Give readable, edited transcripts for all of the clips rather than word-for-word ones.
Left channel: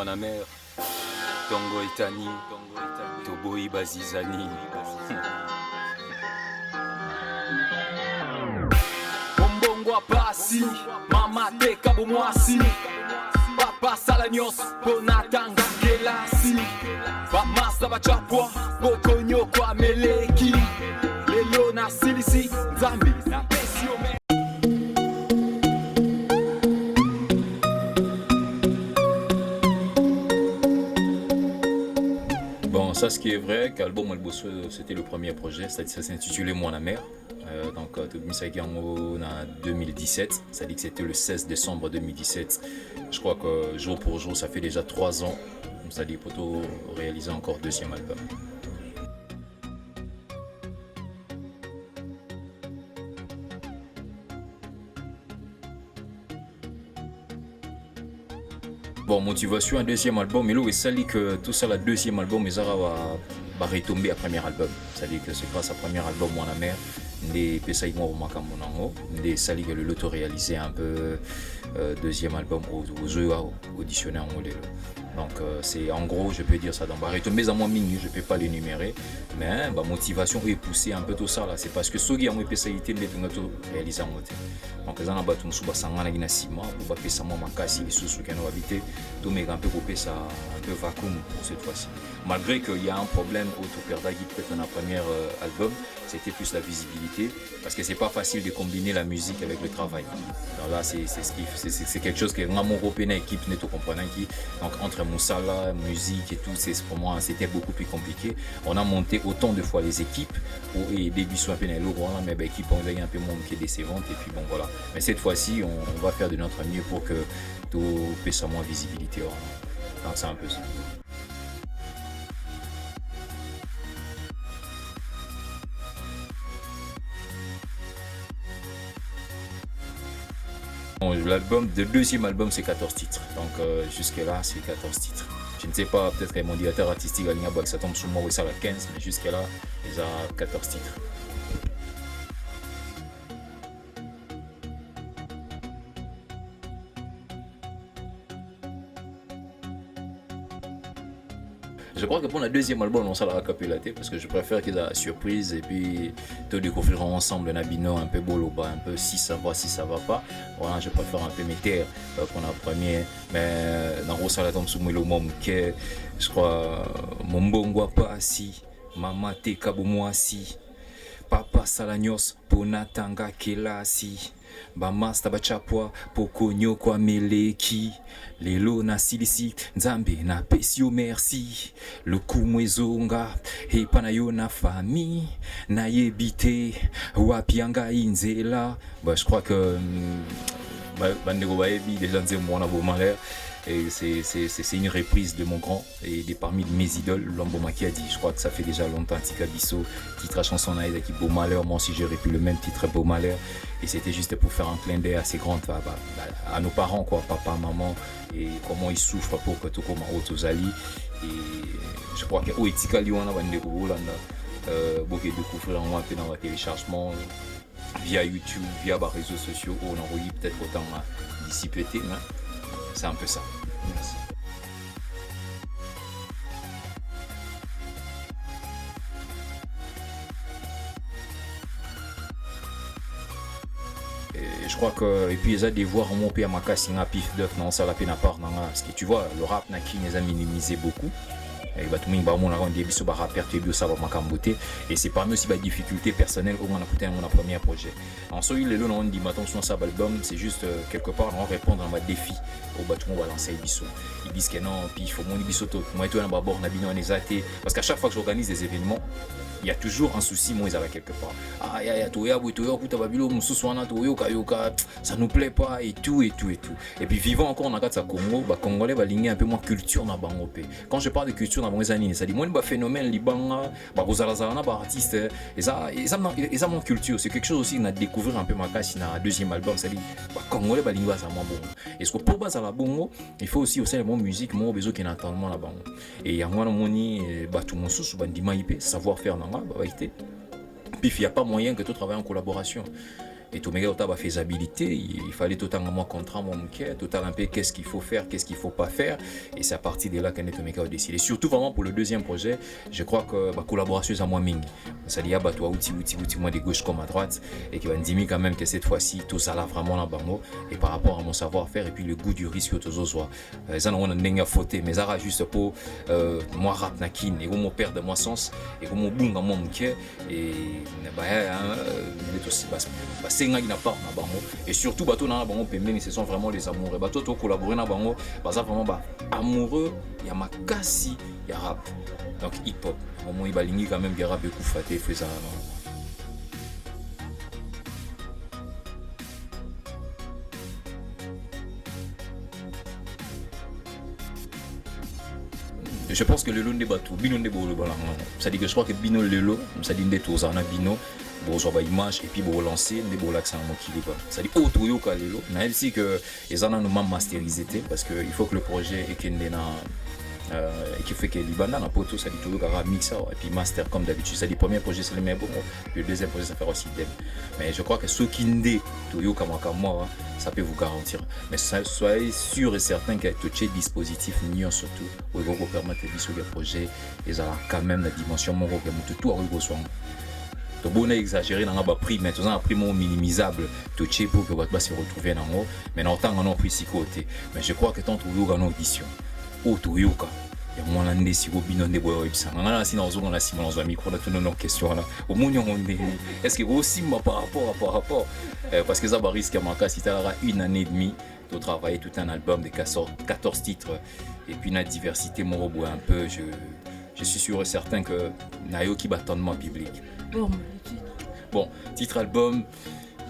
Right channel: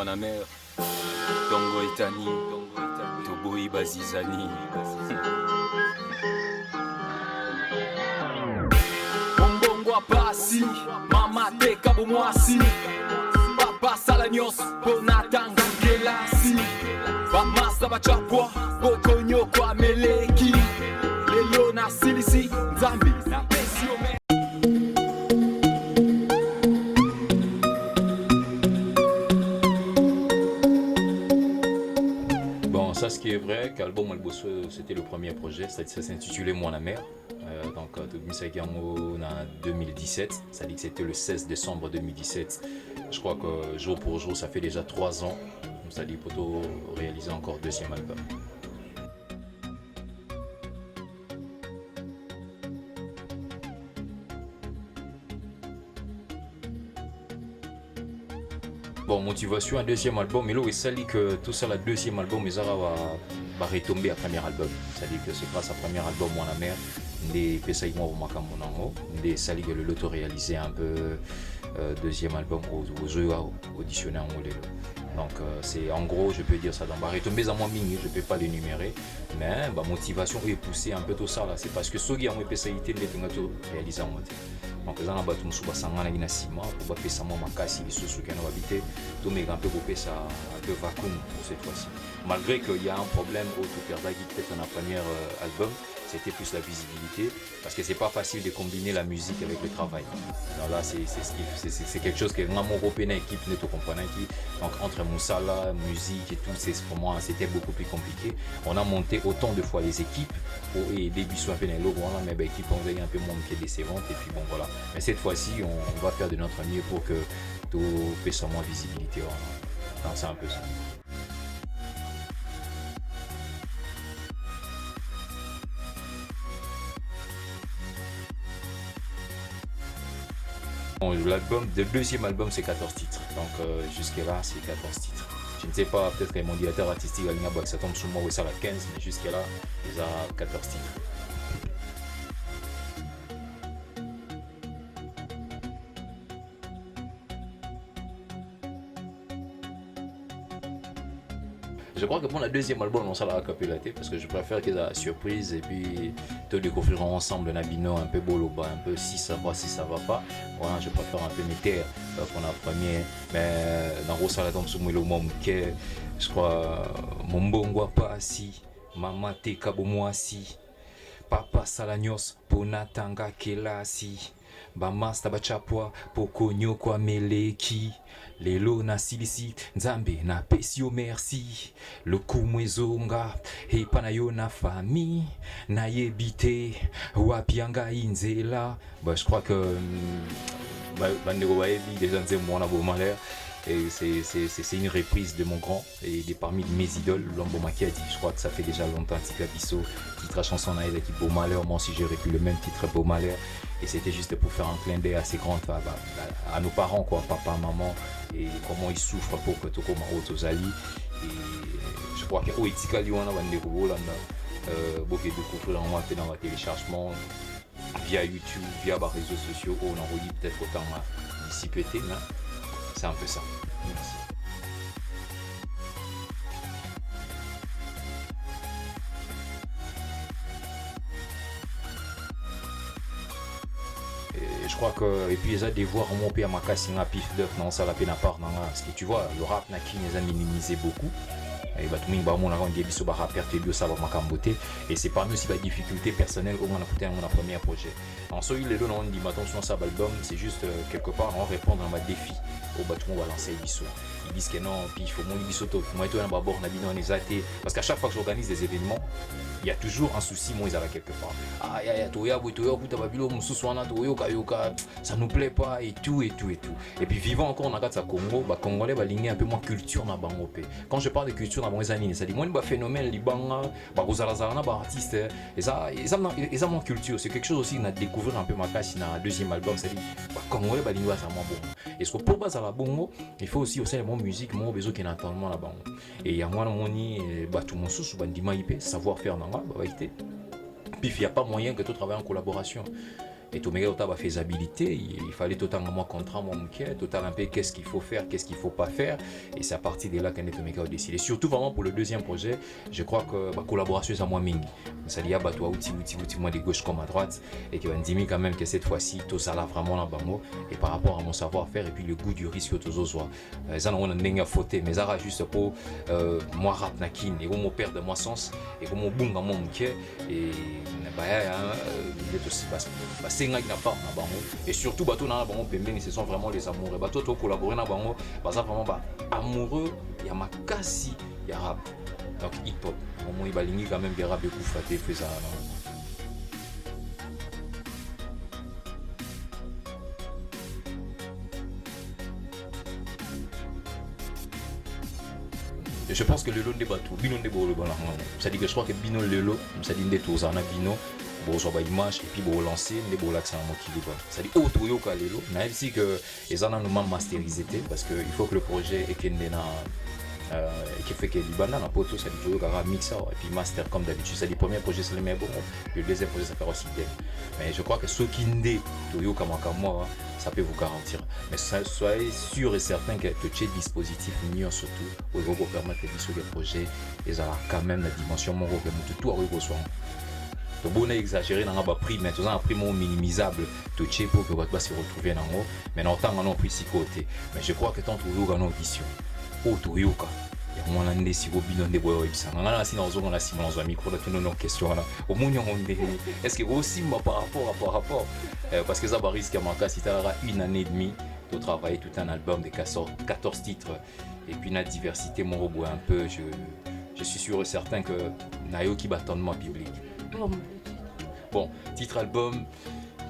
Manamer, Tongo Etani, Toboi Bazizani. Bombongo Pasi, Mama Teka Bomwasi, Papa Salanyos, Bonatanga Kelasi, Bamasa Bachapwa, Bokonyo Kwa Meleki, Lelo na Silisi, Nzambi na Pesio Me. Bon, ça, ce qui est vrai, qu'Album Albosso, c'était le premier projet, ça s'intitulait Moi la mère. Donc, tout ça en 2017, ça dit que c'était le 16 décembre 2017. Je crois que jour pour jour, ça fait déjà 3 ans. Ça dit pour réaliser encore deuxième album. Bon, motivation, un deuxième album, mais là, ça dit que tout ça, le deuxième album, mais ça va retomber à premier album. Ça dit que c'est grâce à premier album, Moi la mère, des Pesaï Moi au Makambo, des Sali que l'auto-réalisé un peu deuxième album aux jeux auditionné en modèle. Donc c'est en gros, je peux dire ça dans va retomber à moi mini, je peux pas l'énumérer, mais ma motivation est poussée un peu tout ça là, c'est parce que Sogi a moins Pesaïté de réaliser en modèle. Donc les gens ont battu musuba sangana ina sima pour pas pesa moi makasi les sous qui ont habité tout mais un peu couper ça un peu vacuum pour cette fois-ci, malgré qu'il y a un problème au tout perda qui peut-être dans la première album, c'était plus la visibilité parce que c'est pas facile de combiner la musique avec le travail. Alors là c'est quelque chose que vraiment européen équipe n'est tout comprenant qui donc entre Moussala musique et tout, c'est pour moi c'était beaucoup plus compliqué. On a monté autant de fois les équipes pour aider Bissou un peu dans l'eau mais l'équipe on a un peu moins qui est décevante et puis bon voilà. Mais cette fois-ci, on va faire de notre mieux pour que tout puisse moins visibilité. Donc c'est un peu ça. Bon, le deuxième album, c'est 14 titres. Donc jusque-là, c'est 14 titres. Je ne sais pas, peut-être que mon directeur artistique a dit que ça tombe sur moi ou ça la 15, mais jusque-là, ils ont 14 titres. Je crois que pour le deuxième album, on s'en a capillaté parce que je préfère qu'ils aient la surprise et puis te découvriront ensemble un bino un peu boloba, un peu si ça va, si ça va pas. Voilà, je préfère un peu mes terres pour la première. Mais dans le salon, tombe sur moi le mom que je crois mon bongo pas assis, maman te kabo moi assis, papa salanyos ponatanga kelasi. Bamasta bachapwa pokonyo kwa meleki lelo na silisi nzambe na pesio merci le kumwezonga epa yo na famille na yebite wapianga inzela. Je crois que bandeko baebi déjà nze mwana bomalère. Et c'est une reprise de mon grand et parmi mes idoles, Lamboma qui a dit, je crois que ça fait déjà longtemps, Tika Bisso, titre à chanson naïve qui Beau Malheur, moi aussi j'aurais pu le même titre Beau Malheur, et c'était juste pour faire un clin d'œil assez grand à nos parents, quoi, papa, maman, et comment ils souffrent pour que tout comme Otozali, et je crois que Tika Liwana Bandeko Holanda, beaucoup découvrir en peu dans le téléchargement, via YouTube, via les réseaux sociaux, on en relie peut-être autant d'ici pété, mais c'est un peu ça. Merci. Et je crois que et puis ils ont des voix remonter à ma casse pif d'œuf non ça la peine à part non parce que tu vois le rap n'a qui les a minimisé beaucoup. Et bah tout le monde va mon arrêter biso ba rapper bio ça va makamboté et c'est parmi aussi la difficulté personnelle au moment de mon premier projet. En soi les on dit maintenant sur ça album c'est juste quelque part on répondre à ma défi au bâtiment on va lancer biso. Ils disent que non puis il faut mon biso tout moi et toi on va bord na bino on est athée parce qu'à chaque fois que j'organise des événements il y a toujours un souci moi ils avaient quelque part ah ya toya buta babilo mususu wana toyoka yoka ça nous plaît pas et tout et puis vivant encore on a quatre Congo bah congolais va ligner un peu moins culture na bango pe quand je parle de culture na bango ça dit moi ba phénomène libanga ba kozala na ba artiste et ça mon culture c'est quelque chose aussi na découvrir un peu ma casse na deuxième album ça dit ba congolais ba lingua ça mon bon et ce que pour basa la bongo il faut aussi mon musique mon besoin qui n'entendement la bango et ya moi moni ba tout mon sous bandima IP savoir faire puis il n'y a pas moyen que tu travailles en collaboration. Et tout la faisabilité, il fallait totalement contrat mon total un peu qu'est-ce qu'il faut faire, qu'est-ce qu'il faut pas faire. Et c'est à partir de là qu'on a décidé. Surtout vraiment pour le deuxième projet, je crois que ma collaboration est à moi ming. Ça y a toi outil moi de gauche comme à droite et qui va me dire quand même que cette fois-ci tout ça là vraiment là bango et par rapport à mon savoir-faire et puis le goût du risque que tous soit. Ça on a n'enga fauté mais ça juste pour moi rat nakin et mon père de moi sens et mon bunga mon mke et bah aussi c'est n'a pas na bango et surtout bateau na bango pembe ce sont vraiment les amoureux bateau to collaborer na bango bah ça vraiment bah amoureux il y a makasi il y a rap donc hip hop au moins il balingi quand même rap et coup faté fait ça. Je pense que le long des bateaux, bino de bolo bala. Ça dit que je crois que bino le lot, ça dit des tours en bino, bon sur ba image et puis bon lancer des beaux l'accent mon kili quoi. Ça dit auto yo ka lelo. Même si que les en nous masterisé parce que il faut que le projet est qui fait que Liban na poto ça dit tout ka mixer et puis master comme d'habitude. Ça dit premier projet c'est le même bon, le deuxième projet ça fait aussi bien. Mais je crois que ceux qui ndé to yo comme moi ça peut vous garantir. Mais soyez sûr et certain que tout ce dispositif niant surtout pour vous permettre de sur les projets et ça a quand même la dimension mon que tout arrive au soin. Donc on a exagéré dans le prix mais tout ça un prix minimisable tout ce pour que votre bas se retrouver dans haut mais en tant qu'on prix si côté mais je crois que tant tout yo en audition auto yo ka ya mwana nde si go bino nde boyo ibisa ngana si na ozo ngana si mwana zo micro na tout nos questions là au munyo nde est-ce que aussi par rapport parce que ça va risque à manquer si tu as une année et demie de travailler tout un album de 14 titres et puis la diversité mon robot un peu je suis sûr et certain que nayo qui battement biblique bon titre album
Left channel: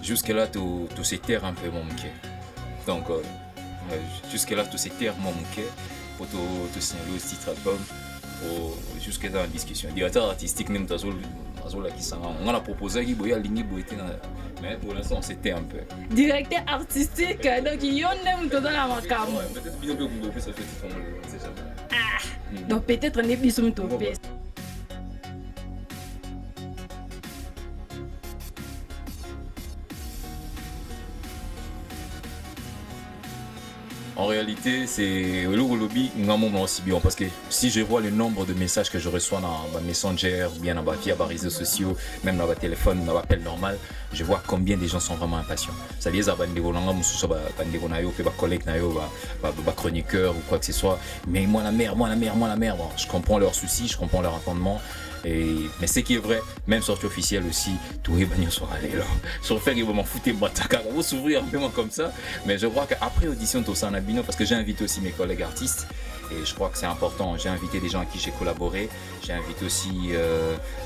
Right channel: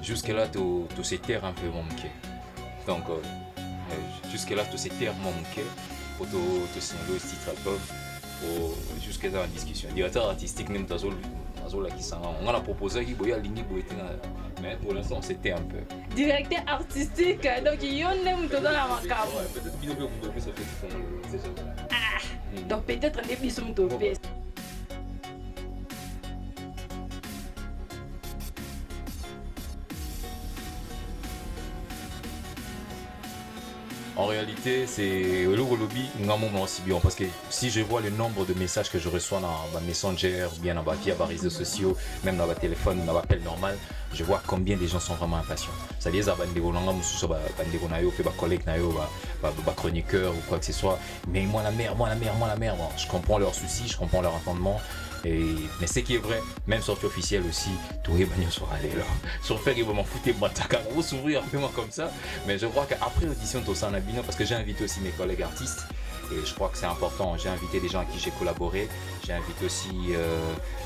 jusque là tout ces terres un peu mon cœur donc jusque là tous ces terres mon cœur pour tout signaler ce titre album jusque dans la discussion directeur artistique même Azola qui s'en on a proposé qu'il boya ligné boité mais pour l'instant c'était un peu directeur artistique donc il y en a tout dans la macabre peut-être bien que vous ça fait c'est ça donc peut-être on est plus sur topé. En réalité, c'est le lobby aussi bien parce que si je vois le nombre de messages que je reçois dans ma Messenger, bien dans ma via les réseaux sociaux, même dans ma téléphone, dans l'appel normal, je vois combien des gens sont vraiment impatients. Ça veut dire que collègues, chroniqueurs ou quoi que ce soit. Mais moi la mère. Bon, je comprends leurs soucis, je comprends leur entendement. Mais ce qui est vrai, même sortie officielle aussi, tous les bagnons sont allés là. Sur faire, ils vont m'en foutre, on va s'ouvrir un peu comme ça. Mais je crois qu'après audition, tout ça en abino, parce que j'ai invité aussi mes collègues artistes. Et je crois que c'est important. J'ai invité des gens à qui j'ai collaboré. J'ai invité aussi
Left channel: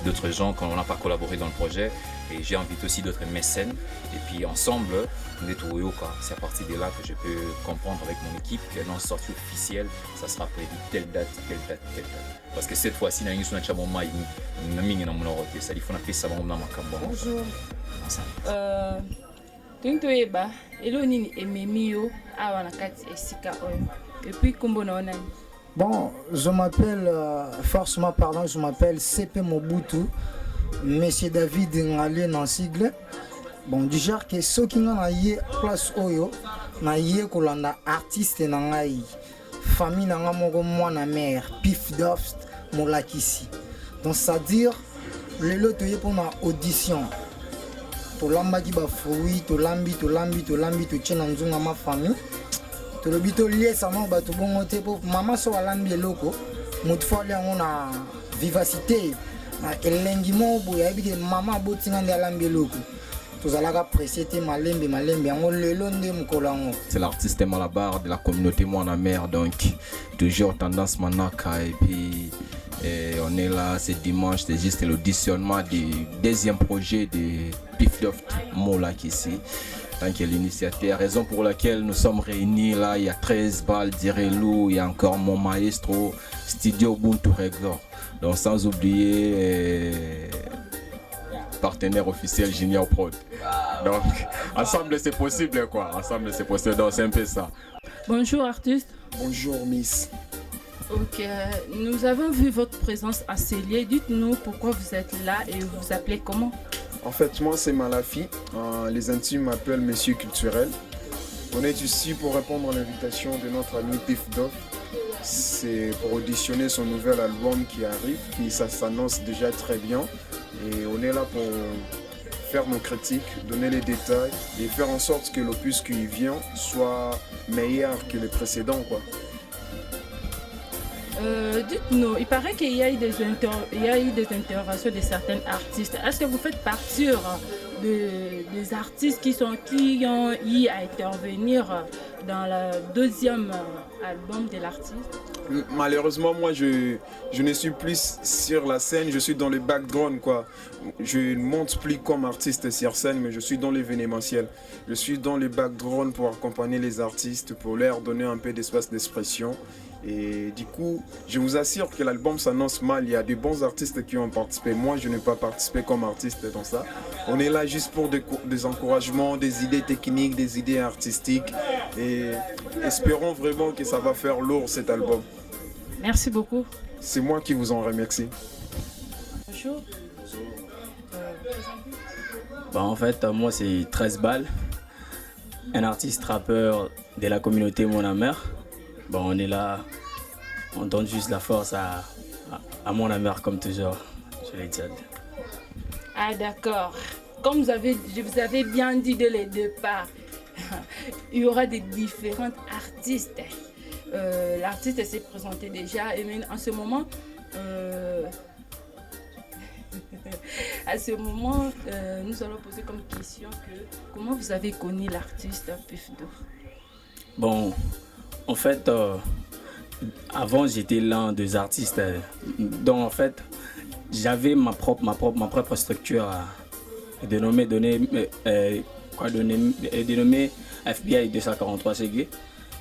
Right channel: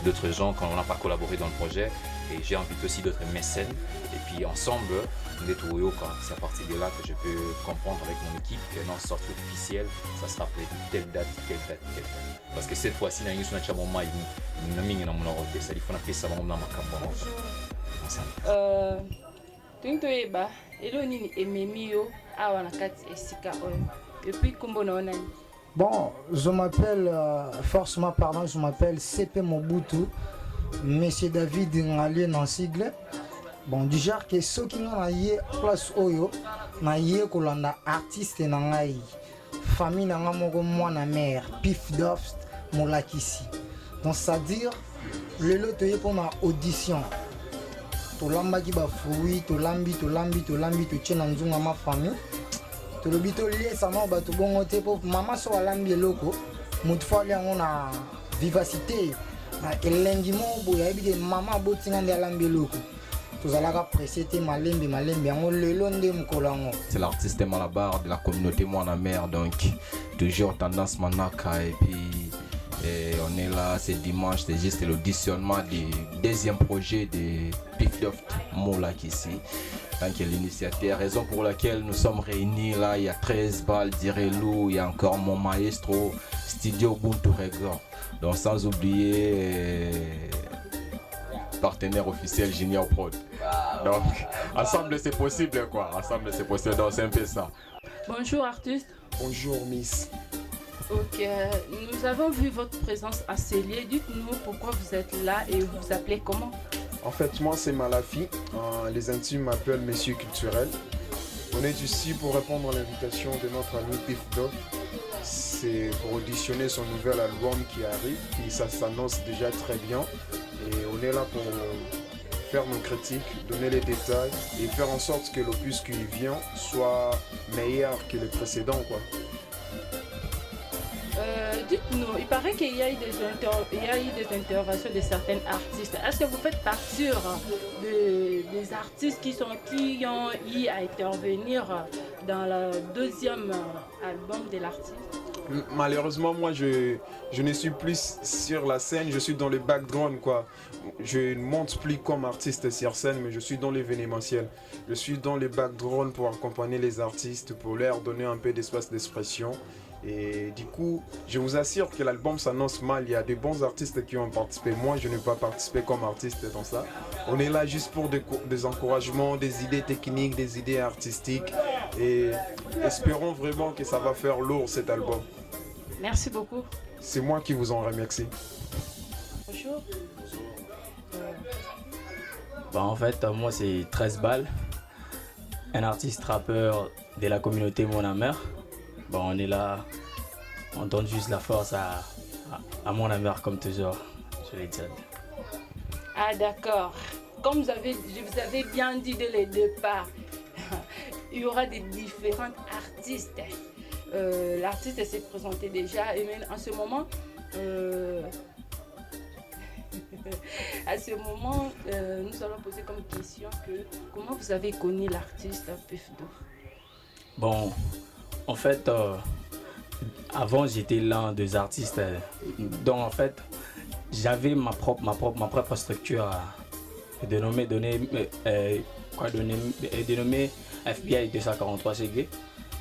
d'autres gens quand on n'a pas collaboré dans le projet. Et j'ai invité aussi d'autres mécènes. Et puis ensemble, c'est à partir de là que je peux comprendre avec mon équipe que dans la sortie officielle, ça sera prévu telle date. Parce que cette fois-ci, il y a une bonjour. Et puis, bon, je m'appelle, forcément pardon, je m'appelle CP Mobutu, Monsieur David Ngalé dans sigle. Bon, du genre que ceux qui ont eu place Oyo, na yé kolanda artiste nangai, famille nanga mogo moi na mère, Pif Doft, Molakisi. Donc ça veut dire le lot yé pour ma audition. To lamba ki ba fruit, to lambi, to tchena nzunga ma famille. To le bito lié ça non ba to bon te pour maman so lambi eloko, mutu fali on a vivacité. Na elengi mo boya bi maman botinga ndi lambi eloko. C'est l'artiste Malabar de la communauté Moana Mère, donc toujours tendance Manaka et puis on est là, c'est dimanche, c'est juste l'auditionnement du deuxième projet de Pif Doft Molak ici. Donc l'initiateur, raison pour laquelle nous sommes réunis là, il y a 13 balles d'Irelou, il y a encore mon maestro, Studio Ubuntu Record. Donc sans oublier partenaire officiel Junior Prod. Donc ensemble c'est possible quoi, ensemble c'est possible, donc c'est un peu ça. Bonjour artiste. Bonjour Miss. Ok, nous avons vu votre présence à Célier. Dites-nous pourquoi vous êtes là et vous vous appelez comment? En fait, moi, c'est Malafi. Les intimes m'appellent Monsieur Culturel. On est ici pour répondre à l'invitation de notre ami Pif Doff. C'est pour auditionner son nouvel album qui arrive, qui ça s'annonce déjà très bien. Et on est là pour faire nos critiques, donner les détails et faire en sorte que l'opus qui vient soit meilleur que les précédents, quoi. Dites-nous, il paraît qu'il y a eu des interventions de certains artistes. Est-ce que vous faites partie des artistes qui ont eu à intervenir dans le deuxième album de l'artiste? Malheureusement, moi, je ne suis plus sur la scène, je suis dans le background, quoi. Je ne monte plus comme artiste sur scène, mais je suis dans l'événementiel. Je suis dans le background pour accompagner les artistes, pour leur donner un peu d'espace d'expression. Et du coup, je vous assure que l'album s'annonce mal. Il y a des bons artistes qui ont participé. Moi, je n'ai pas participé comme artiste dans ça. On est là juste pour des encouragements, des idées techniques, des idées artistiques. Et espérons vraiment que ça va faire lourd cet album. Merci beaucoup. C'est moi qui vous en remercie. Bonjour. En fait, moi, c'est 13 balles. Un artiste rappeur de la communauté Mon Amer. On est là, on donne juste la force à Mon Amer comme toujours, je l'ai dit. Ah d'accord. Comme je vous avais bien dit dès le départ, il y aura des différents artistes. L'artiste s'est présenté déjà et même en ce moment, nous allons poser comme question comment vous avez connu l'artiste Pif Doff? En fait, avant j'étais l'un des artistes dont en fait j'avais ma propre structure dénommée FBI 243 CG.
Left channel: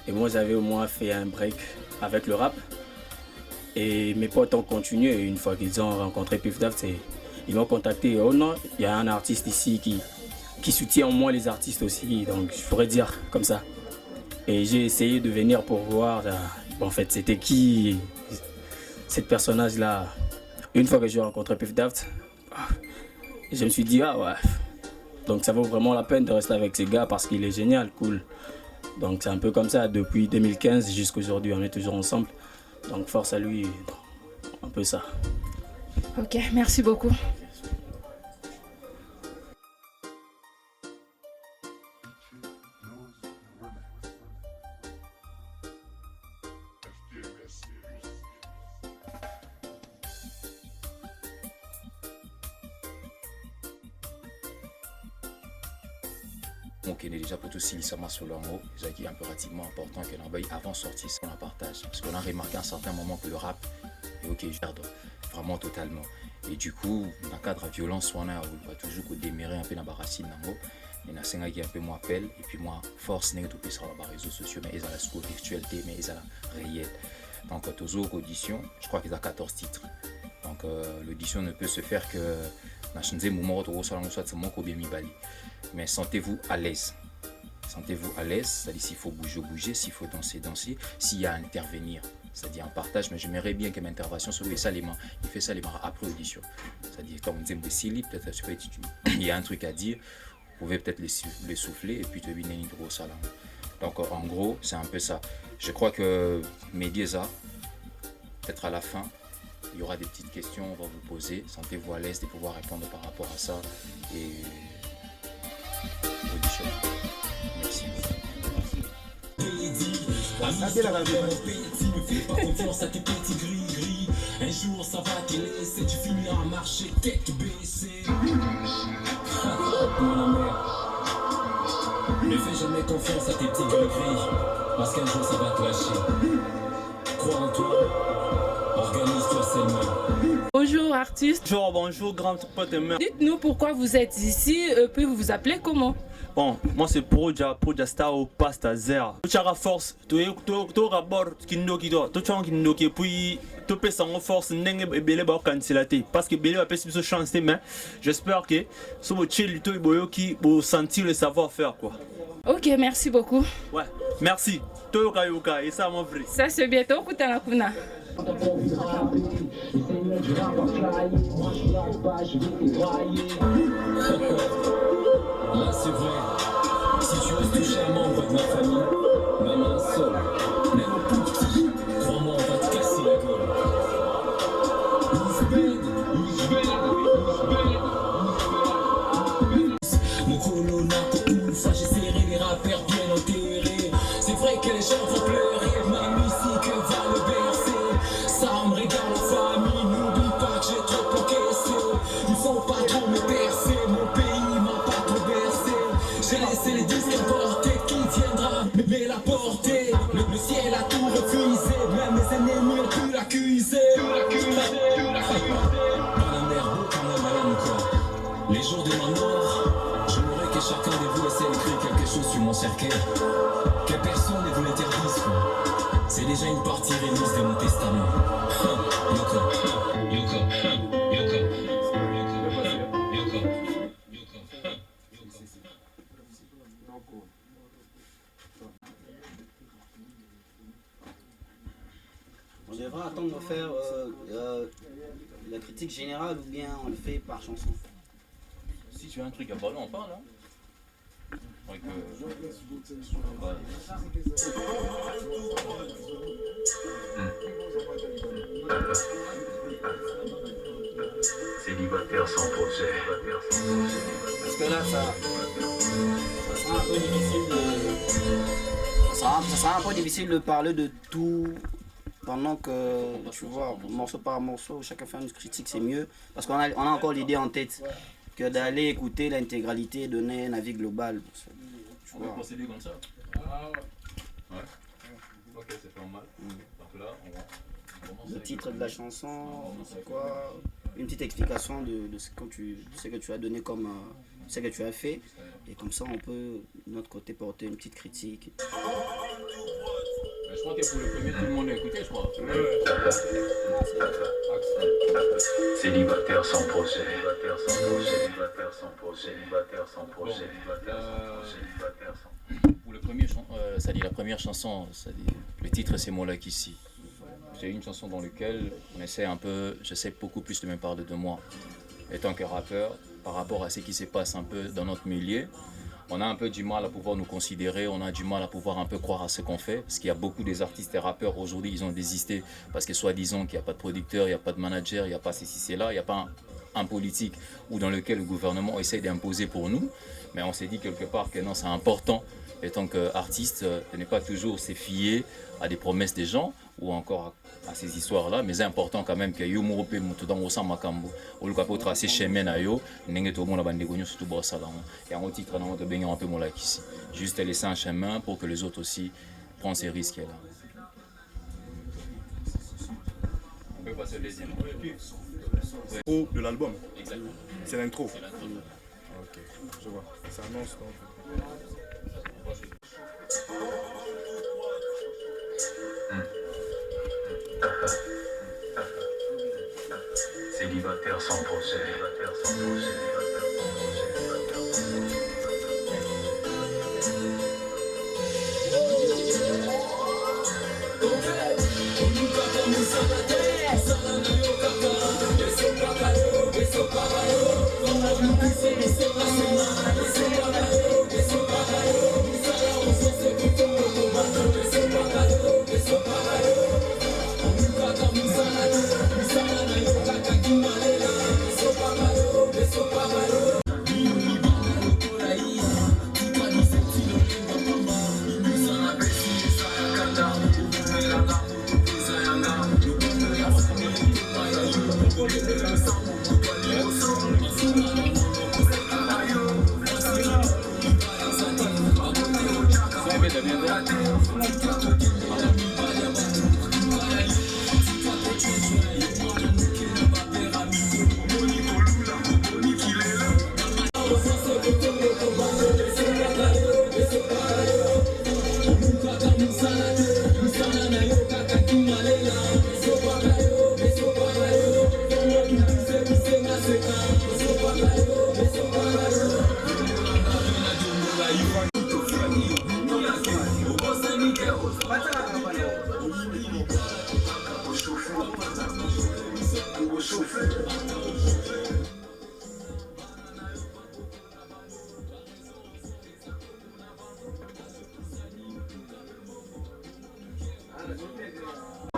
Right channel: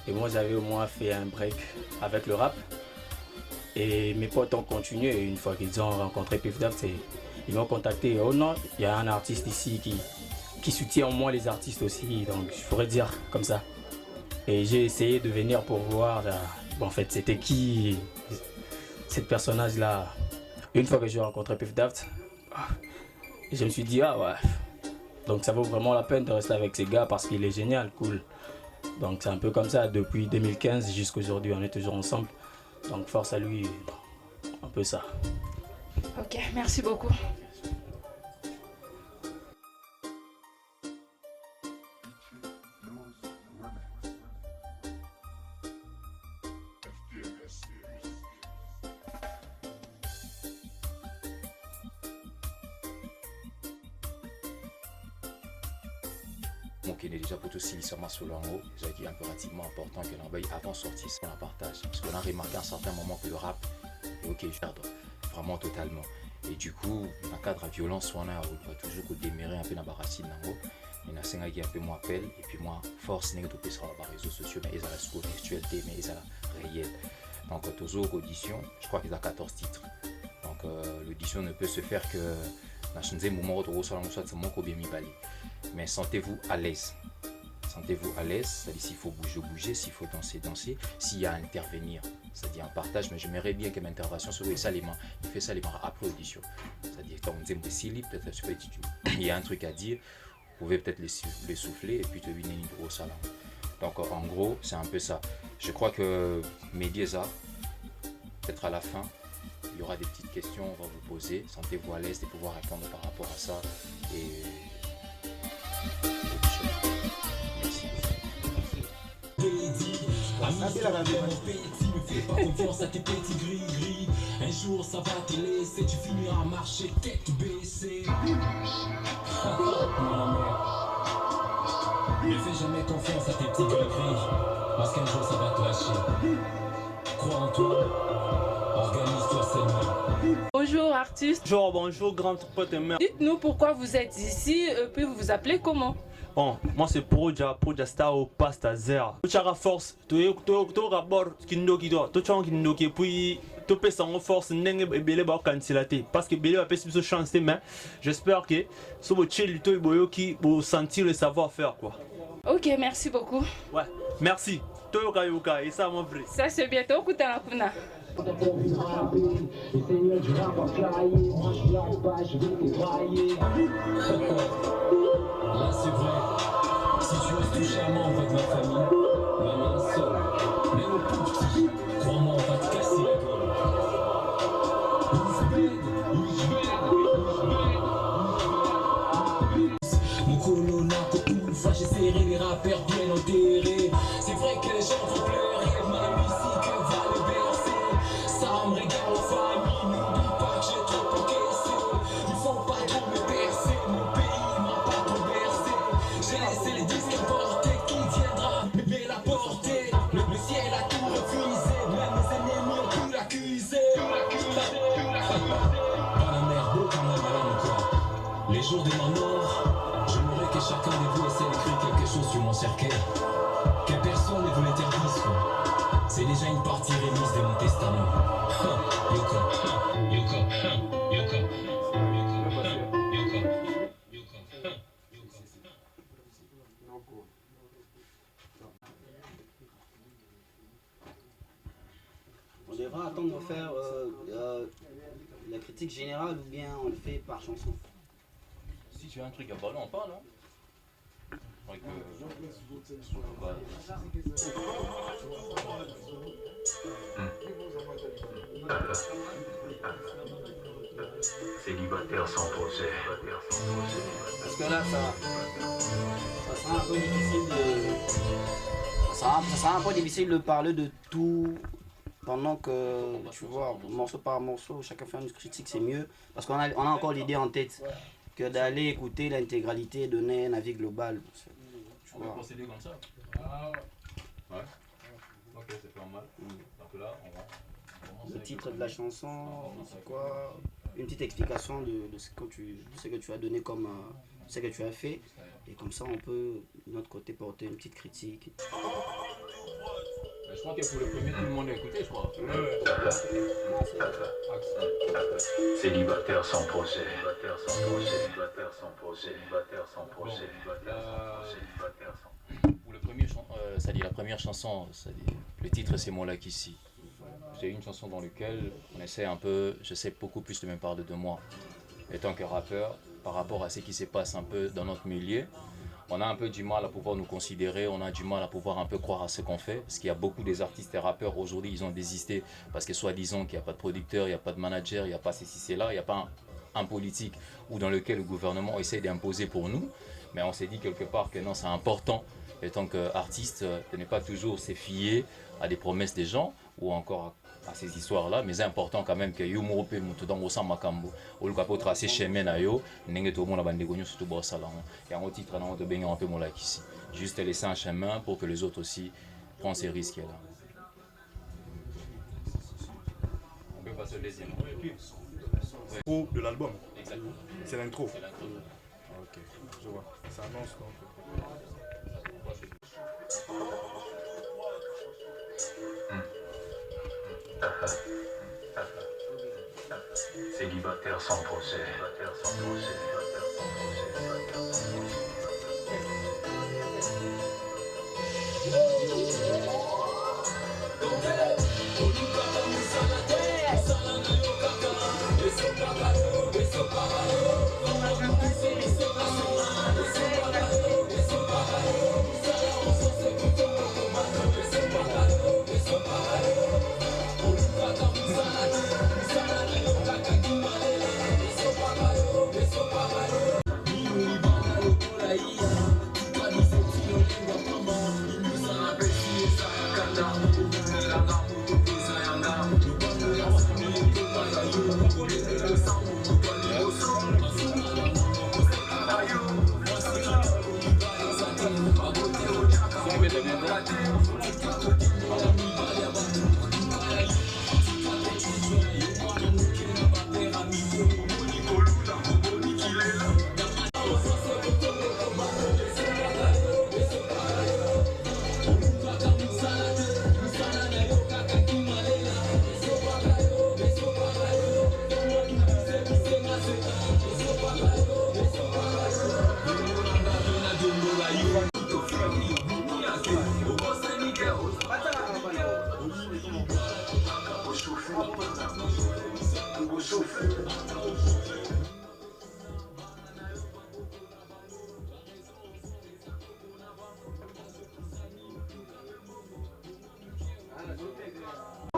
Et moi j'avais au moins fait un break avec le rap. Et mes potes ont continué et une fois qu'ils ont rencontré Pif Doff, ils m'ont contacté. Oh non, il y a un artiste ici qui soutient au moins les artistes aussi, donc je pourrais dire comme ça. Et j'ai essayé de venir pour voir en fait c'était qui cette personnage là. Une fois que j'ai rencontré Pif Doff, je me suis dit donc ça vaut vraiment la peine de rester avec ces gars parce qu'il est génial, cool. Donc c'est un peu comme ça depuis 2015 jusqu'à aujourd'hui, on est toujours ensemble. Donc force à lui, un peu ça. Ok, merci beaucoup. Donc il est déjà pour tout sincèrement sur le haut, ce qui est impérativement important que l'envoi avant sortie, c'est qu'on la partage. Parce qu'on a remarqué à un certain moment que le rap est ok, je perdre vraiment totalement. Et du coup, dans le cadre de la violence, on a toujours démarrer un peu dans la racine. Il y a un qui un peu moi appelle, et puis moi, force n'est pas sur les réseaux sociaux, mais ils ont la sous virtualité, mais ils ont la réelle. Donc, toujours audition, je crois qu'ils ont 14 titres. Donc, l'audition ne peut se faire que dans le moment où mais sentez-vous à l'aise. Sentez-vous à l'aise, c'est-à-dire s'il faut bouger, s'il faut danser, s'il y a à intervenir, c'est-à-dire un partage, mais j'aimerais bien que mon intervention soit ça les mains, il fait ça les mains après audition. C'est-à-dire comme on dit, peut-être il y a un truc à dire, vous pouvez peut-être les souffler et puis te venir une grosse salon. Donc en gros, c'est un peu ça. Je crois que Mediesa, peut-être à la fin, il y aura des petites questions, on va vous poser, sentez-vous à l'aise de pouvoir répondre par rapport à ça. Et merci. Un jour ça va te laisser, tu finiras à marcher tête baissée. Ne fais jamais confiance à tes petits gris-gris, parce qu'un jour ça va te lâcher. Crois en toi, organise-toi seulement. Bonjour artiste. Bonjour grand pote et mère. Dites-nous pourquoi vous êtes ici, puis vous vous appelez comment? Bon, moi c'est Proja Star au Pasta Zera. Tu as force, tu rabord qui nous qui doit, tu as qui nous qui puis tu peux sans force n'engue et belé ba candidater parce que belé va passer plus chance mais j'espère que ce mot chill tu boyo qui pour sentir le savoir-faire quoi. Ok, merci beaucoup. Ouais, merci. Toyoka yoka et ça mon vrai. Ça c'est bientôt Kutana Kuna. Là c'est vrai, si tu oses toucher un membre de ma famille, même un seul, même au plus petit, crois-moi on va te casser la gueule. Mon colonna une fois j'ai serré les rappeurs bien enterrés. C'est vrai que les gens vont pleurer, ma musique va le bercer. Ça me regarde la famille, n'oublie pas que j'ai trop encaissé. Ils vont pas trop me percer, mon pays m'a pas trop bercé. J'ai laissé les disques importés, qui viendra mais la porter. Le ciel a tout refusé, même mes ennemis ont pu l'accuser. Madame Herbeau, quand même madame quoi. Les jours de ma mort, j'aimerais que chacun de vous essaie d'écrire quelque chose sur mon cercueil. Que personne ne vous l'interdise quoi. C'est déjà une partie remise de mon testament. Yoko, Yoko, Yoko, Yoko, Yoko, On devra attendre de faire la critique générale ou bien on le fait par chanson. Si tu as un truc à parler, on parle. Hein. Donc, Célibataire sans projet. Parce que là, ça sera un peu difficile de... Ça sera un peu difficile de parler de tout pendant que, tu vois, morceau par morceau, chacun fait une critique, c'est mieux. Parce qu'on a encore l'idée en tête que d'aller écouter l'intégralité et donner un avis global. On va procéder comme ça. Ouais. Ok, c'est pas mal. Donc là, on commence. Le titre de la chanson, c'est quoi? Une petite explication de ce que tu as donné comme ce que tu as fait. Et comme ça, on peut, de notre côté, porter une petite critique. Je crois que pour le premier, tout le monde a écouté, je crois. Célibataire sans projet. Célibataire sans projet. Célibataire sans projet. Célibataire sans projet. Célibataire sans projet. Pour le premier, ça dit la première chanson, ça dit, le titre c'est Molak ici. C'est une chanson dans laquelle on essaie un peu, j'essaie beaucoup plus de me parler de moi. Étant que rappeur, par rapport à ce qui se passe un peu dans notre milieu, on a un peu du mal à pouvoir nous considérer, on a du mal à pouvoir un peu croire à ce qu'on fait, parce qu'il y a beaucoup des artistes et rappeurs aujourd'hui, ils ont désisté parce que soi-disant qu'il n'y a pas de producteur, il n'y a pas de manager, il n'y a pas ceci, c'est là, il n'y a pas un politique ou dans lequel le gouvernement essaie d'imposer pour nous, mais on s'est dit quelque part que non, c'est important, étant qu'artiste, de ne pas toujours se fier à des promesses des gens ou encore à ces histoires-là, mais c'est important quand même que yo mo pe mutu dans osa makambo oluka po tracer chemin na yo ndenge to mona bandeko nyo surtout bossa là et en titre na to benga un peu Molak ici, juste laisser un chemin pour que les autres aussi prennent ces risques là. On peut passer au deuxième. L'intro de l'album. Exactement. C'est l'intro. C'est l'intro. Ok, je vois. Ça annonce donc. Célibataire sans projet. Célibataire sans projet. Célibataire sans projet. Célibataire sans projet.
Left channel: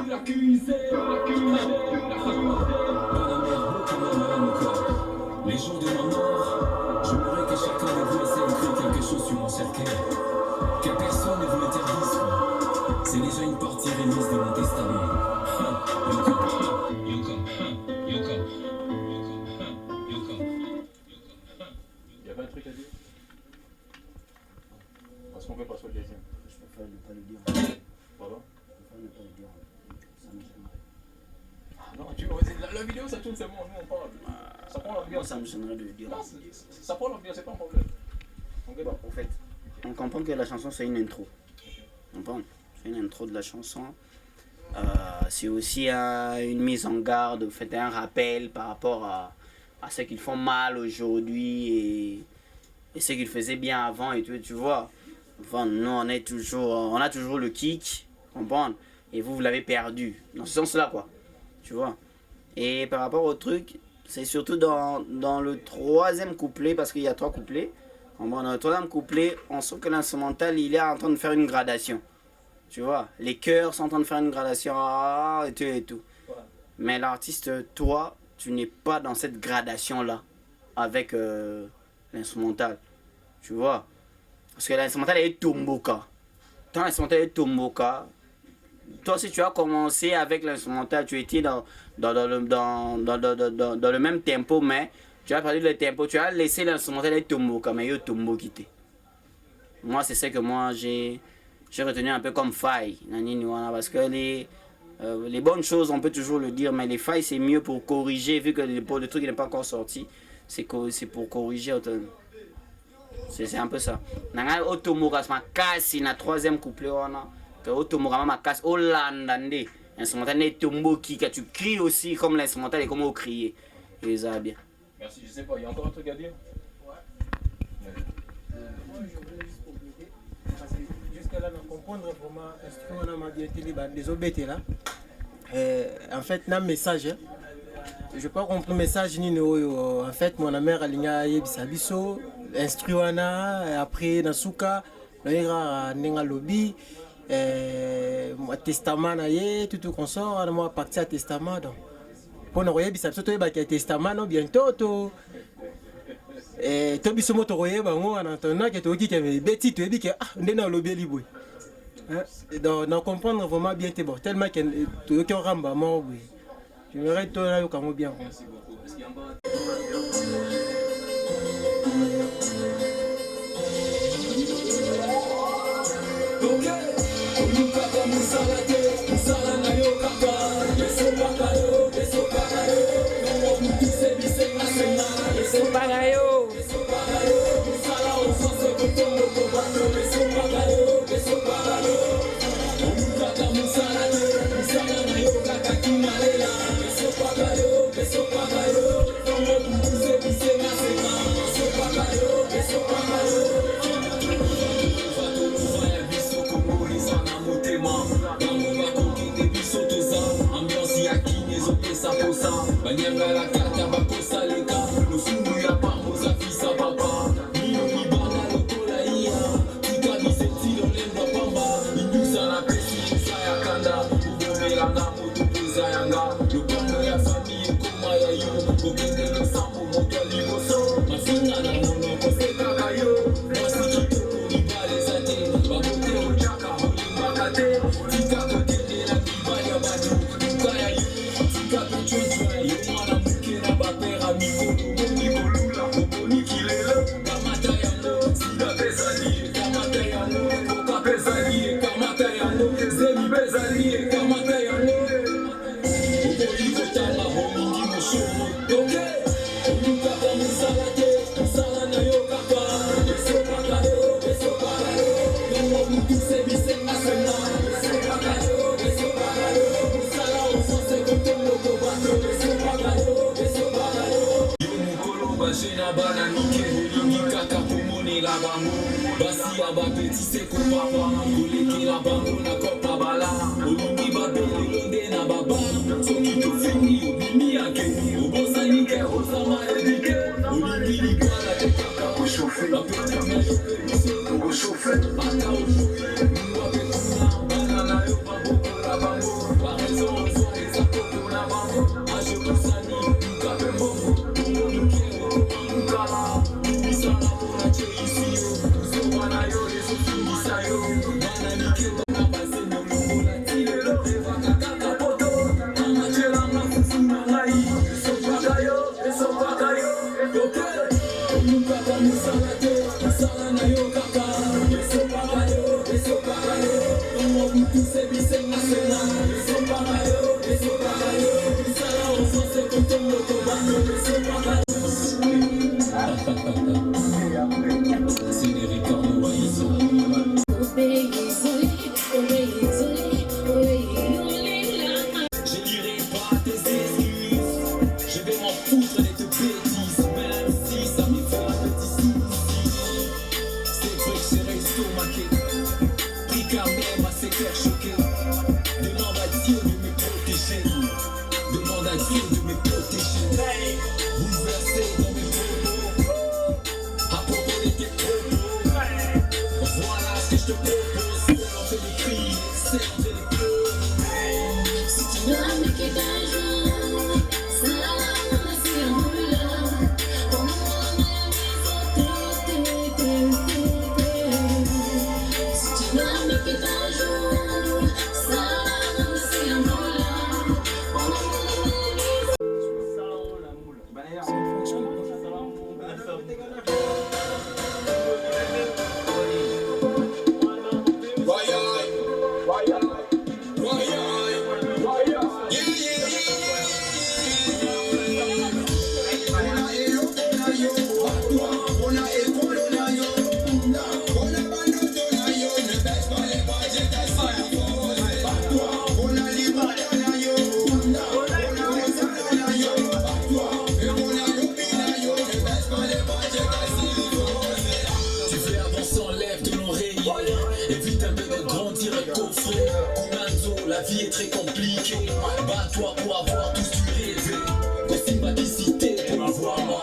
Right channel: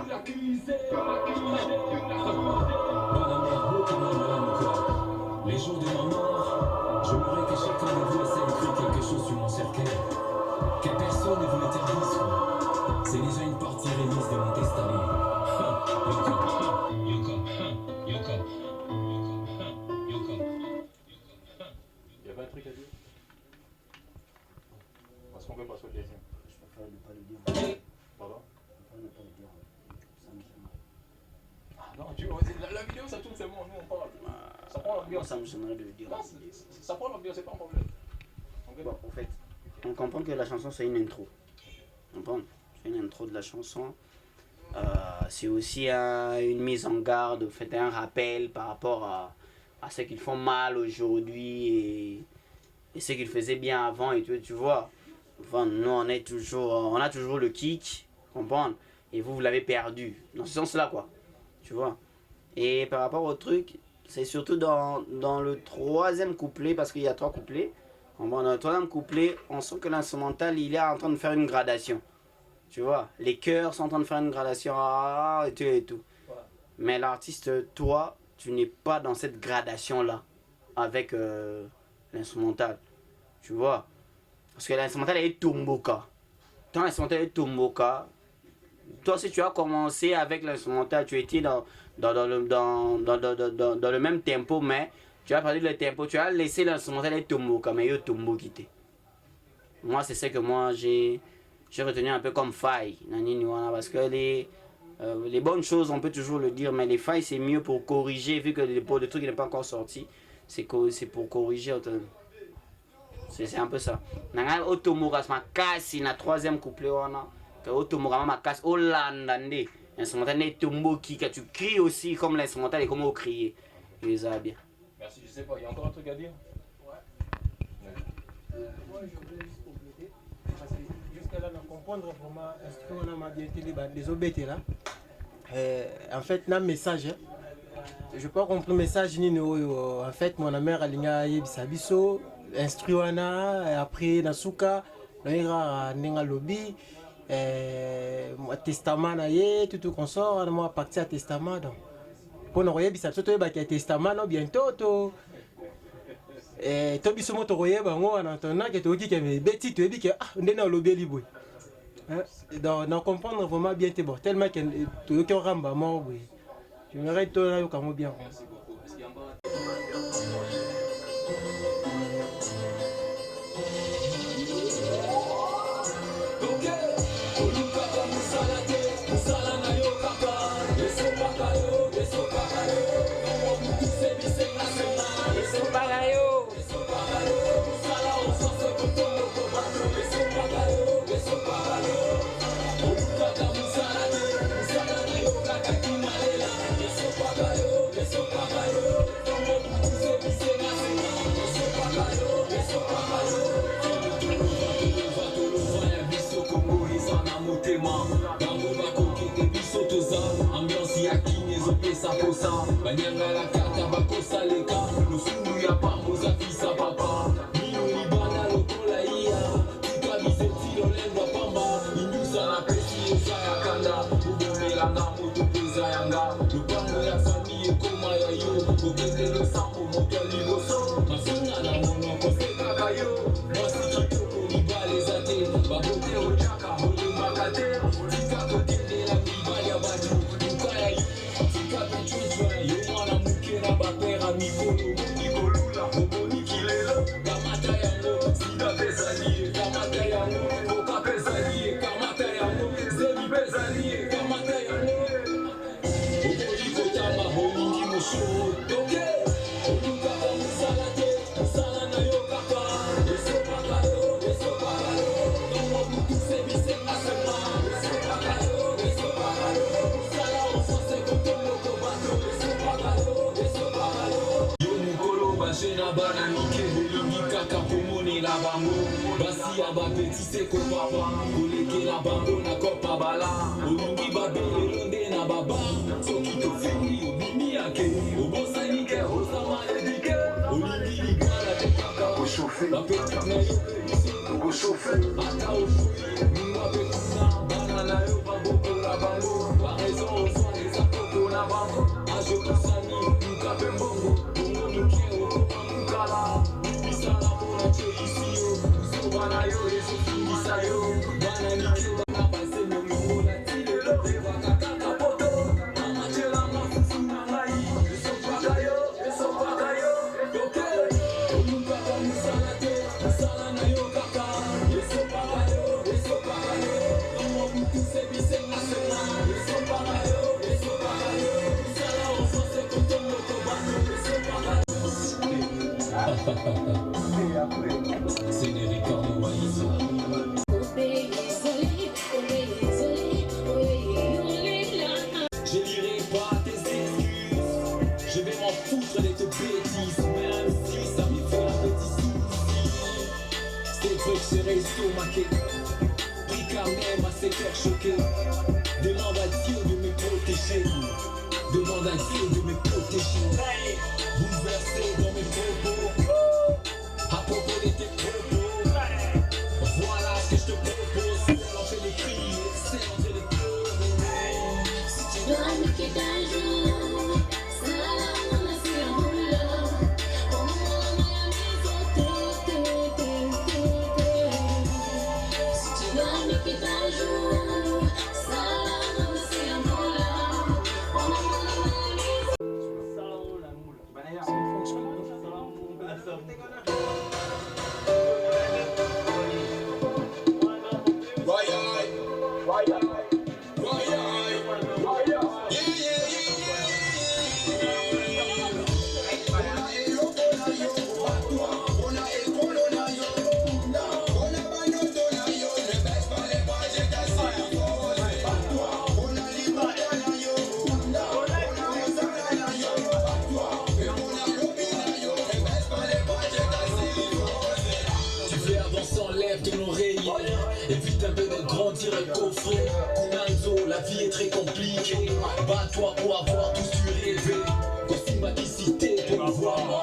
Les jours de ma mort, j'aimerais que chacun de vous essaie d'écrire quelque chose sur mon cercueil. Que personne ne vous l'interdise. C'est déjà une partie remise de mon testament. Il y avait un truc à dire? Parce qu'on peut passer au deuxième. Je préfère ne pas le dire. Pardon? Je préfère ne pas le dire. Ça me gênerait. Non, la vidéo ça tourne, c'est bon, nous on parle. Ça prend Moi, l'ambiance. ça me gênerait de le dire. Non, ça prend l'ambiance, c'est pas un problème. Bon, en fait, on comprend que la chanson c'est une intro. On comprend? C'est une intro de la chanson. C'est aussi une mise en garde, fait un rappel par rapport à ce qu'ils font mal aujourd'hui et ce qu'ils faisaient bien avant et tout, tu vois. Enfin, nous on a toujours le kick, comprendre? Et vous l'avez perdu. Dans ce sens-là, quoi. Tu vois. Et par rapport au truc, c'est surtout dans le troisième couplet, parce qu'il y a 3 couplets. Dans le troisième couplet, on sent que l'instrumental, il est en train de faire une gradation. Tu vois, les chœurs sont en train de faire une gradation, et tout et tout. Mais l'artiste, toi, tu n'es pas dans cette gradation-là, avec l'instrumental. Tu vois. Parce que l'instrumental est Tomboka. Quand l'instrumental est Tomboka, toi, si tu as commencé avec l'instrumental, tu étais dans le même tempo, mais tu as perdu le tempo, tu as laissé l'instrumental être Tomboka, mais il y a Tombo quitté. Moi, c'est ce que moi j'ai retenu un peu comme faille. Parce que les bonnes choses, on peut toujours le dire, mais les failles, c'est mieux pour corriger, vu que le truc n'est pas encore sorti. C'est pour corriger. C'est un peu ça. Nanga Otomoka, c'est ma casse, na troisième couplet. Que Otomoka, ma casse, Olandande. L'instrumental est Tombo qui, que tu cries aussi comme l'instrumental et comme on crier. Et ça va bien. Merci, je sais pas, il y a encore un truc à dire? Moi, je voulais juste compléter. Parce que jusqu'à là, on comprendre vraiment est-ce qu'on a bien télé, des obétés là. En fait, il y a un message. Je peux pas comprendre le message ni en fait, mon mère a ligné Bisabiso, instruana, après Nasuka, Noira Nenga Lobby, testament, tout consort, moi partir à testament. Pour nous voyez Bisabiso, tu es testament bientôt. Et tu biso moto roye bango en entendant que tu es bêti, tu es dit que on est dans le lobby libre. Donc comprendre vraiment bien tes bords tellement que tu es ramba mort. Je me reste là au camo bien. Merci beaucoup. Est-ce qu'il y a un bon... Banyanga la kata bakosa leka Lufungu ya pamoza fisa papa Nino nibana lokola iya Tika biseti lolendwa pamba Indusa na pesi esa ya kanda Ubomelanga moto peza yanga Lupano ya fami ekoma ya yo Kokende lo sambo moto liboso Mafinga na mono koseka kayo Mwasi kitoko nibale zate Babote ochaka holi makate Tika kokende na kibali ya batu Nuka ya yu Tika kuchujwa Basi ya bapeti seko papa Koleke la bango na kopa bala Olingi babele londe na baba Soki to fini obimi yake Obosa nike osama edike Olingi ligala te kaka oshofe La petite na yoke biso oshofe Ata oshofe Mwa petuna banana yo baboko la bango Barezo C'est les Ricardo Waizo. Je dirai pas tes excuses. Je vais m'en foutre de tes bêtises. Même si ça me fait un petit souci. C'est vrai que je serai estomaqué. Pris quand même à se faire choquer. Demande à Dieu de me protéger. Demande à Dieu de me protéger. Bouleversé dans mes propos. À propos de tes propos. Voilà ce que je te propose. C'est en train de crier, c'est en train de pleurer. Si tu dois me quitter un jour, ça va, on a si un boulot. On a si tu dois me quitter un jour, ça va, on a si un boulot. Tu veux avancer, enlève ton oreille. Évite un peu de grandir et coffrer. Kunanzo, la vie est très compliquée. Bats-toi pour avoir tout ce que tu rêvais. Des sympathicités pour avoir moi.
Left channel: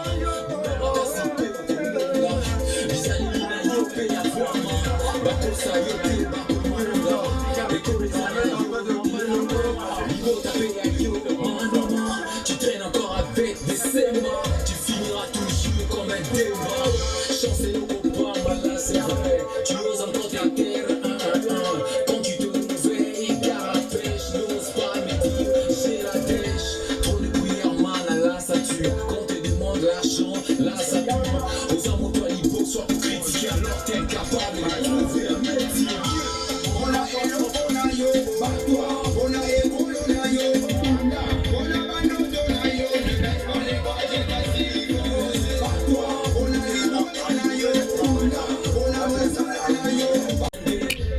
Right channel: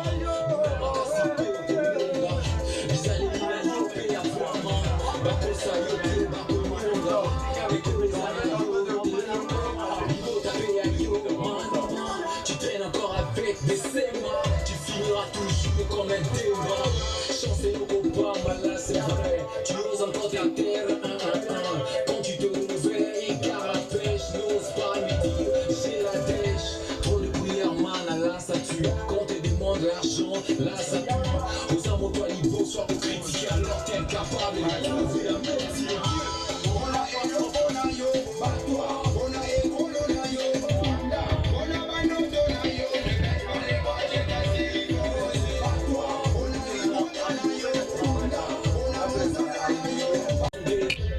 Tu traînes encore avec des sémas. Tu finiras toujours comme un démon. Chance et nos copains, voilà c'est vrai. Tu oses encore ta terre, quand tu te réveilles, car à pêche, n'ose pas me dire j'ai la dèche. Trop de bouillard, man, là ça tue. Quand on te demande l'argent, là ça tue. Aux amours, toi, il faut soit pour critiquer, alors t'es incapable de trouver un métier. On a hello, on a yo, bat-toi, on a ego, on a yo.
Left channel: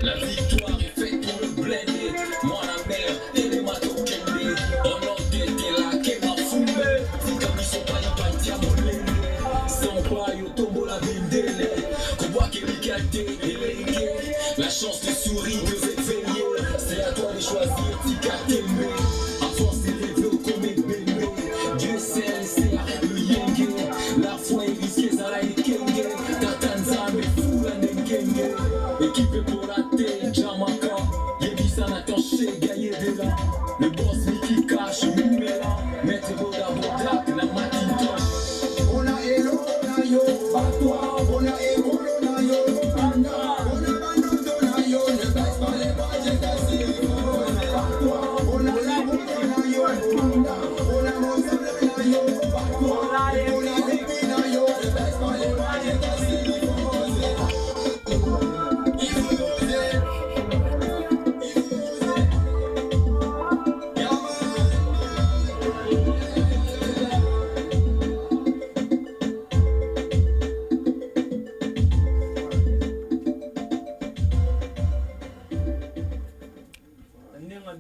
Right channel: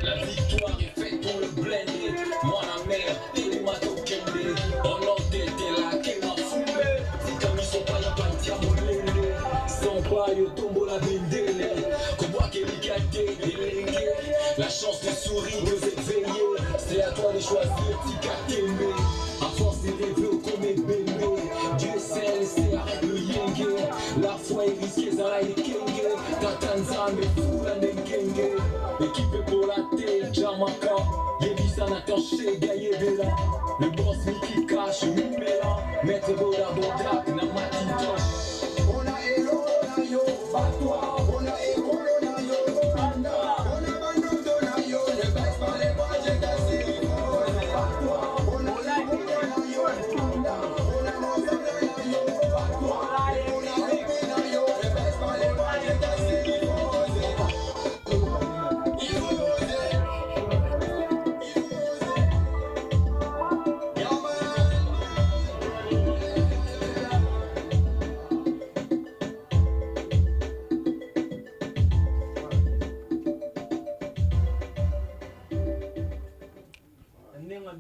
La victoire est faite pour le blender. Moi la mère et les matokende. On a été là qui m'a fumé. Si comme ils sont pas y partis à mon lende. Sans pas yo tombo la bendele. Qu'on voit qu'il y a des délégués. La chance te sourit, vous êtes veillés. C'est à toi de choisir, tika t'aimer. À force de rêver au comme bébé. Dieu sait, laissez arrête le yenge. La foi est risquée, ça la est kenge. Tatanza me fou la nengenge. Équipé pour la tête, Jamaica. Yebisa n'a canché, gaillé de là. Le boss Mickey Cash, Mumela. Maître Boda Bodak, la Macintosh. On a hello, on a yo, bat-toi. On a ego, on a yo, on a bando, on a yo. Ne baisse pas les bras, j'ai cassé. Bat-toi, on a ego, on a yo, on a mozal, on a yo, bat-toi. On a ego, on a yo, ne baisse pas les bras, j'ai cassé.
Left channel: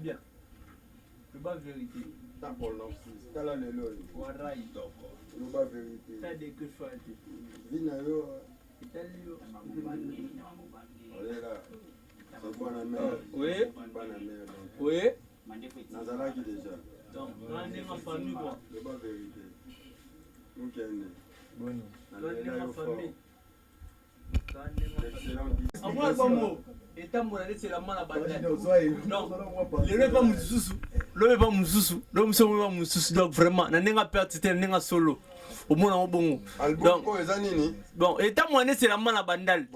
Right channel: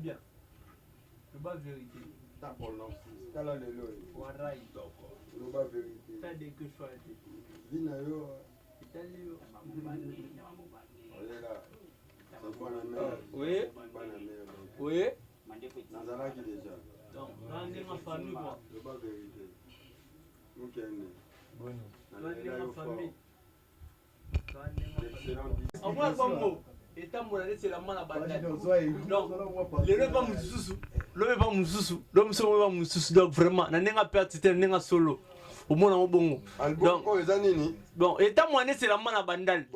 Bien. Le bas vérité. Kala lelo Warai. loba vérité Ça dès que je sois vina yo Italio. olela c'est bwana mère Oui. bwana mère Oui. nazalaki déjà Donc, dans ma famille quoi. loba vérité mukende Bon. nalela yo fort En moi album étant mon année c'est la main à bandade. Donc le rêve pas mususu. Le rêve pas mususu. Donc c'est pas mususu donc vraiment na nenga perte c'était nenga solo. Au moins en bon. Donc bon étant mon année c'est la main à bandade.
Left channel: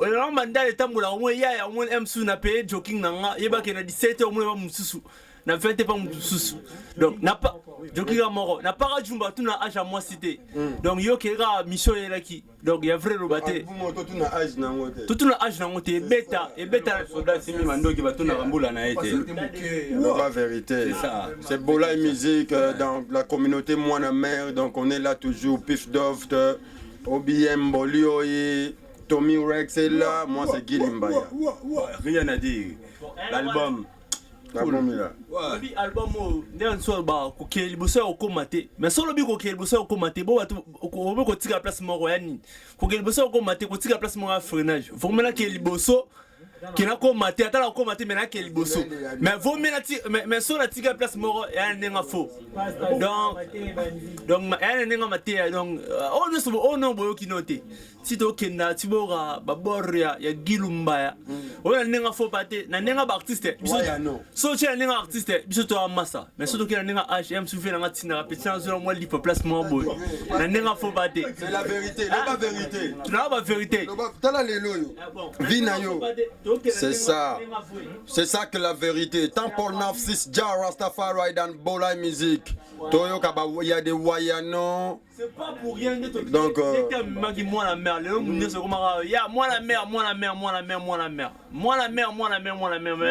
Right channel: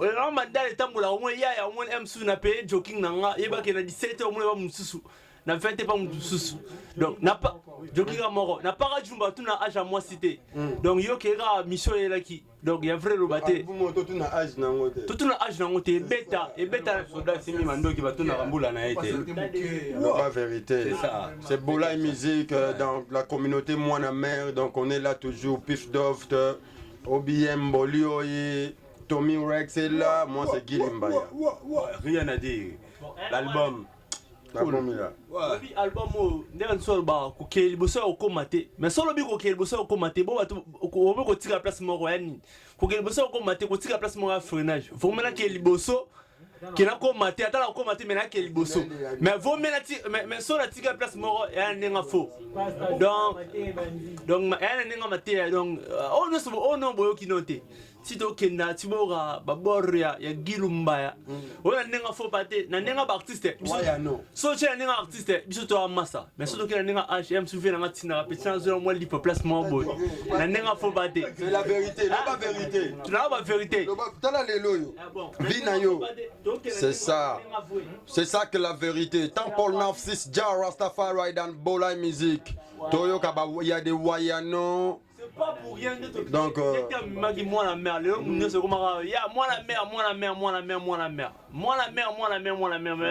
La bandade étant mon au moins il y a au moins M sous na payer joking nanga yeba ke na 17 au moins pas mususu. na fait pas sous donc n'a pas Jokira Moro n'a pas rajumba tout na âge à moi cité donc yo kera mission là qui donc il y a vrai robaté tout na âge na ngote tout na âge na ngote beta et beta soda simi mando qui va tout na rambula na été la vérité c'est Bola et musique dans la communauté Moana Mère donc on est là toujours Pif Doft OBM Bolio et Tommy Rex est là moi c'est Guy Limbaya rien à dire l'album Bi album nde so ba ko ke liboso ko mate mais solo bi ko ke liboso ko mate bo bato ko tika place moko yani ko ke liboso ko mate ko tika place moko freinage faut mena ke liboso qui n'a pas maté attends ko maté mais na ke liboso mais vaut mena mais so na tika place moko yani nga faux donc yani nga maté donc oh non boyo ki noté si to kenda tibora baboria ya Gilumbaya ona nenga fo pate na nenga ba artiste biso so che nenga artiste biso to amasa mais so to kenda nenga HM souffle na tina pétition sur moi lipo placement boy na nenga fo pate c'est la vérité la vérité tu n'as pas vérité tala lelo yo vina yo c'est ça que la vérité tant Paul 96 Jah Rastafari dan Bola musique Toyo kaba il y a des wayano c'est pas pour rien de te donc moi la mère le monde se comment ya moi la mère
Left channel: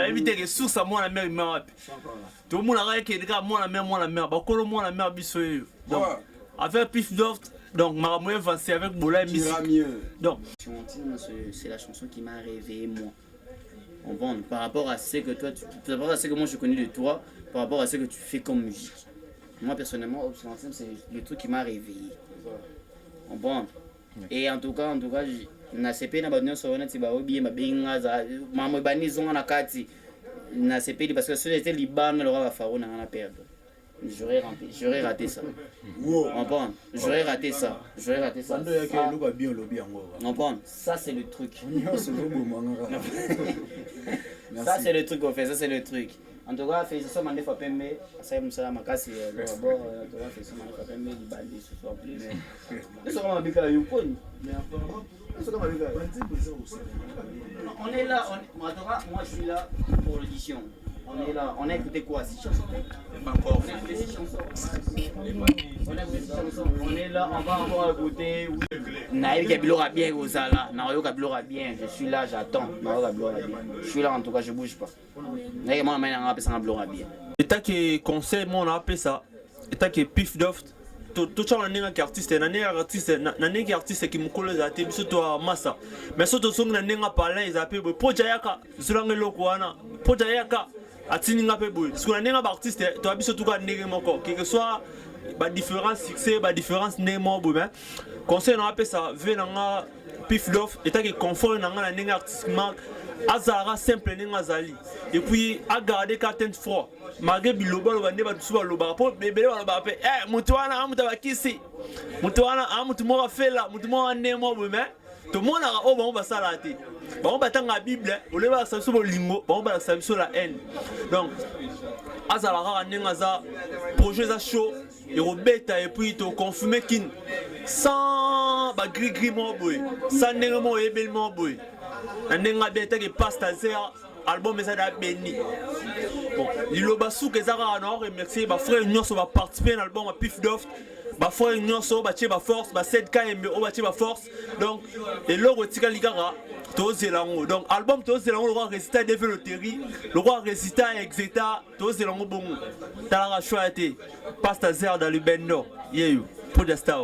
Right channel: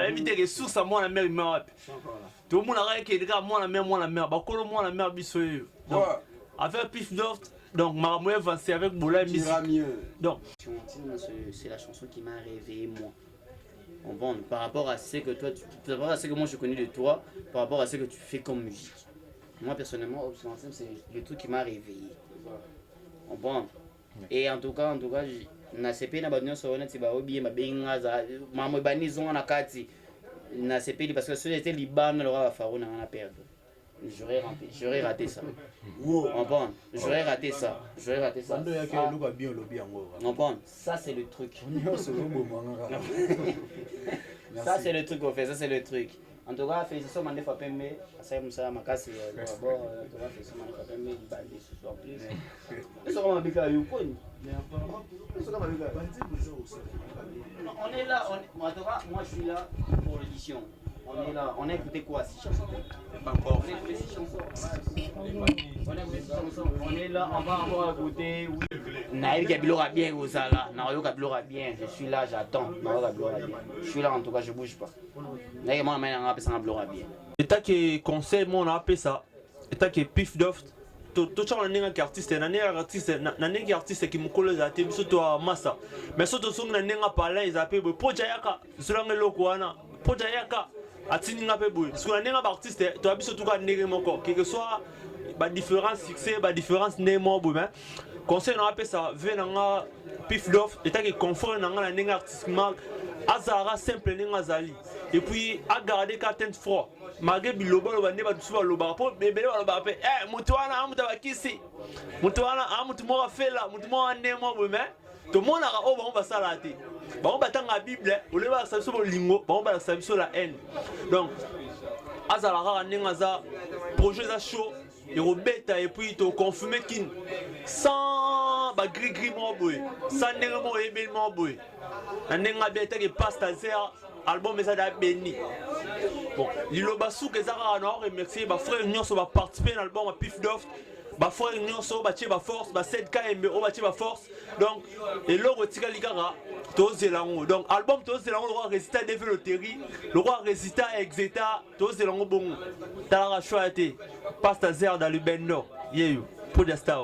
éviter que sous ça moi la mère tout le monde a que gars moi la mère ba kolo moi la mère biso donc avec Pif Doft donc ma moyen avancé avec Bola musique donc c'est la chanson qui m'a réveillé moi on vend par rapport à ce que toi par rapport à ce que moi je connais de toi par rapport à ce que tu fais comme musique. Moi personnellement, Obsolescence, c'est le truc qui m'a réveillé. On prend. Et en tout cas, na CP na badonyo so na tiba obi ma benga za mamo bani zonga na kati na CP parce que c'était Liban le roi Faro na perdre. J'aurais raté ça. On prend. J'aurais raté ça. On prend. Ça c'est le truc. Ça c'est le truc qu'on fait, ça c'est le truc. En tout cas, félicitations Mandé Fapembe, ça Moussa Makasi, d'abord, en tout cas, félicitations Mandé Fapembe, il bandit ce soir plus. C'est comme un bika Yukon. On est là, en tout cas, moi je suis là pour l'audition. On est là, on a écouté quoi? 6 chansons? Pas encore. On a écouté 6 chansons. On est là, on va encore écouter. Naïf Kabilora bien, Ozala. Naïf Kabilora bien. Je suis là, j'attends. Naïf Kabilora bien. Je suis là, en tout cas, je bouge pas. Naïf moi, je vais ça Kabilora bien. Et t'as que conseil, moi, on a appelé ça. Et t'as que Pif Doft. Tout le monde est un artiste, un artiste qui me colle les athées, surtout à Massa. Mais surtout, si on a un parler, ils appellent pour Jayaka, Zulang Lokoana, pour Jayaka. Atininga pe boy parce que on est un artiste tu as surtout qu'à néger mon corps quel que soit ba différence succès ba différence né mo boy mais conseil on appelle ça venanga Pif Doft et t'as que confort nanga na artiste mal azara simple nenga zali et puis à garder carton froid malgré biloba lo bande ba tsuba lo ba po bébé lo ba pe mutu wana amuta ba kisi mutu wana amutu mo ba fela mutu mo né mo boy mais tout le monde a on va s'arrêter. On va attendre la Bible, on va s'appuyer sur le lingo, on va s'appuyer sur la haine. Donc, Azalara Nengaza, projet à chaud, et Robeta et puis to confirmer kin sans gris mon boy, sans négalement et bel mon boy. Un nenga beta qui passe à zéro, album mais ça a béni. Bon, l'ilobasou que Zara a remercié, ma frère Union va participer à l'album à Pif Doft. Ba frère Union so ba tie ba force ba 7K ba tie ba force donc et le retika ligara to zelango donc album to zelango le roi résultat de loterie le roi résultat exeta to zelango bon tala choité passe à zéro dans le bendo yeyo pour the star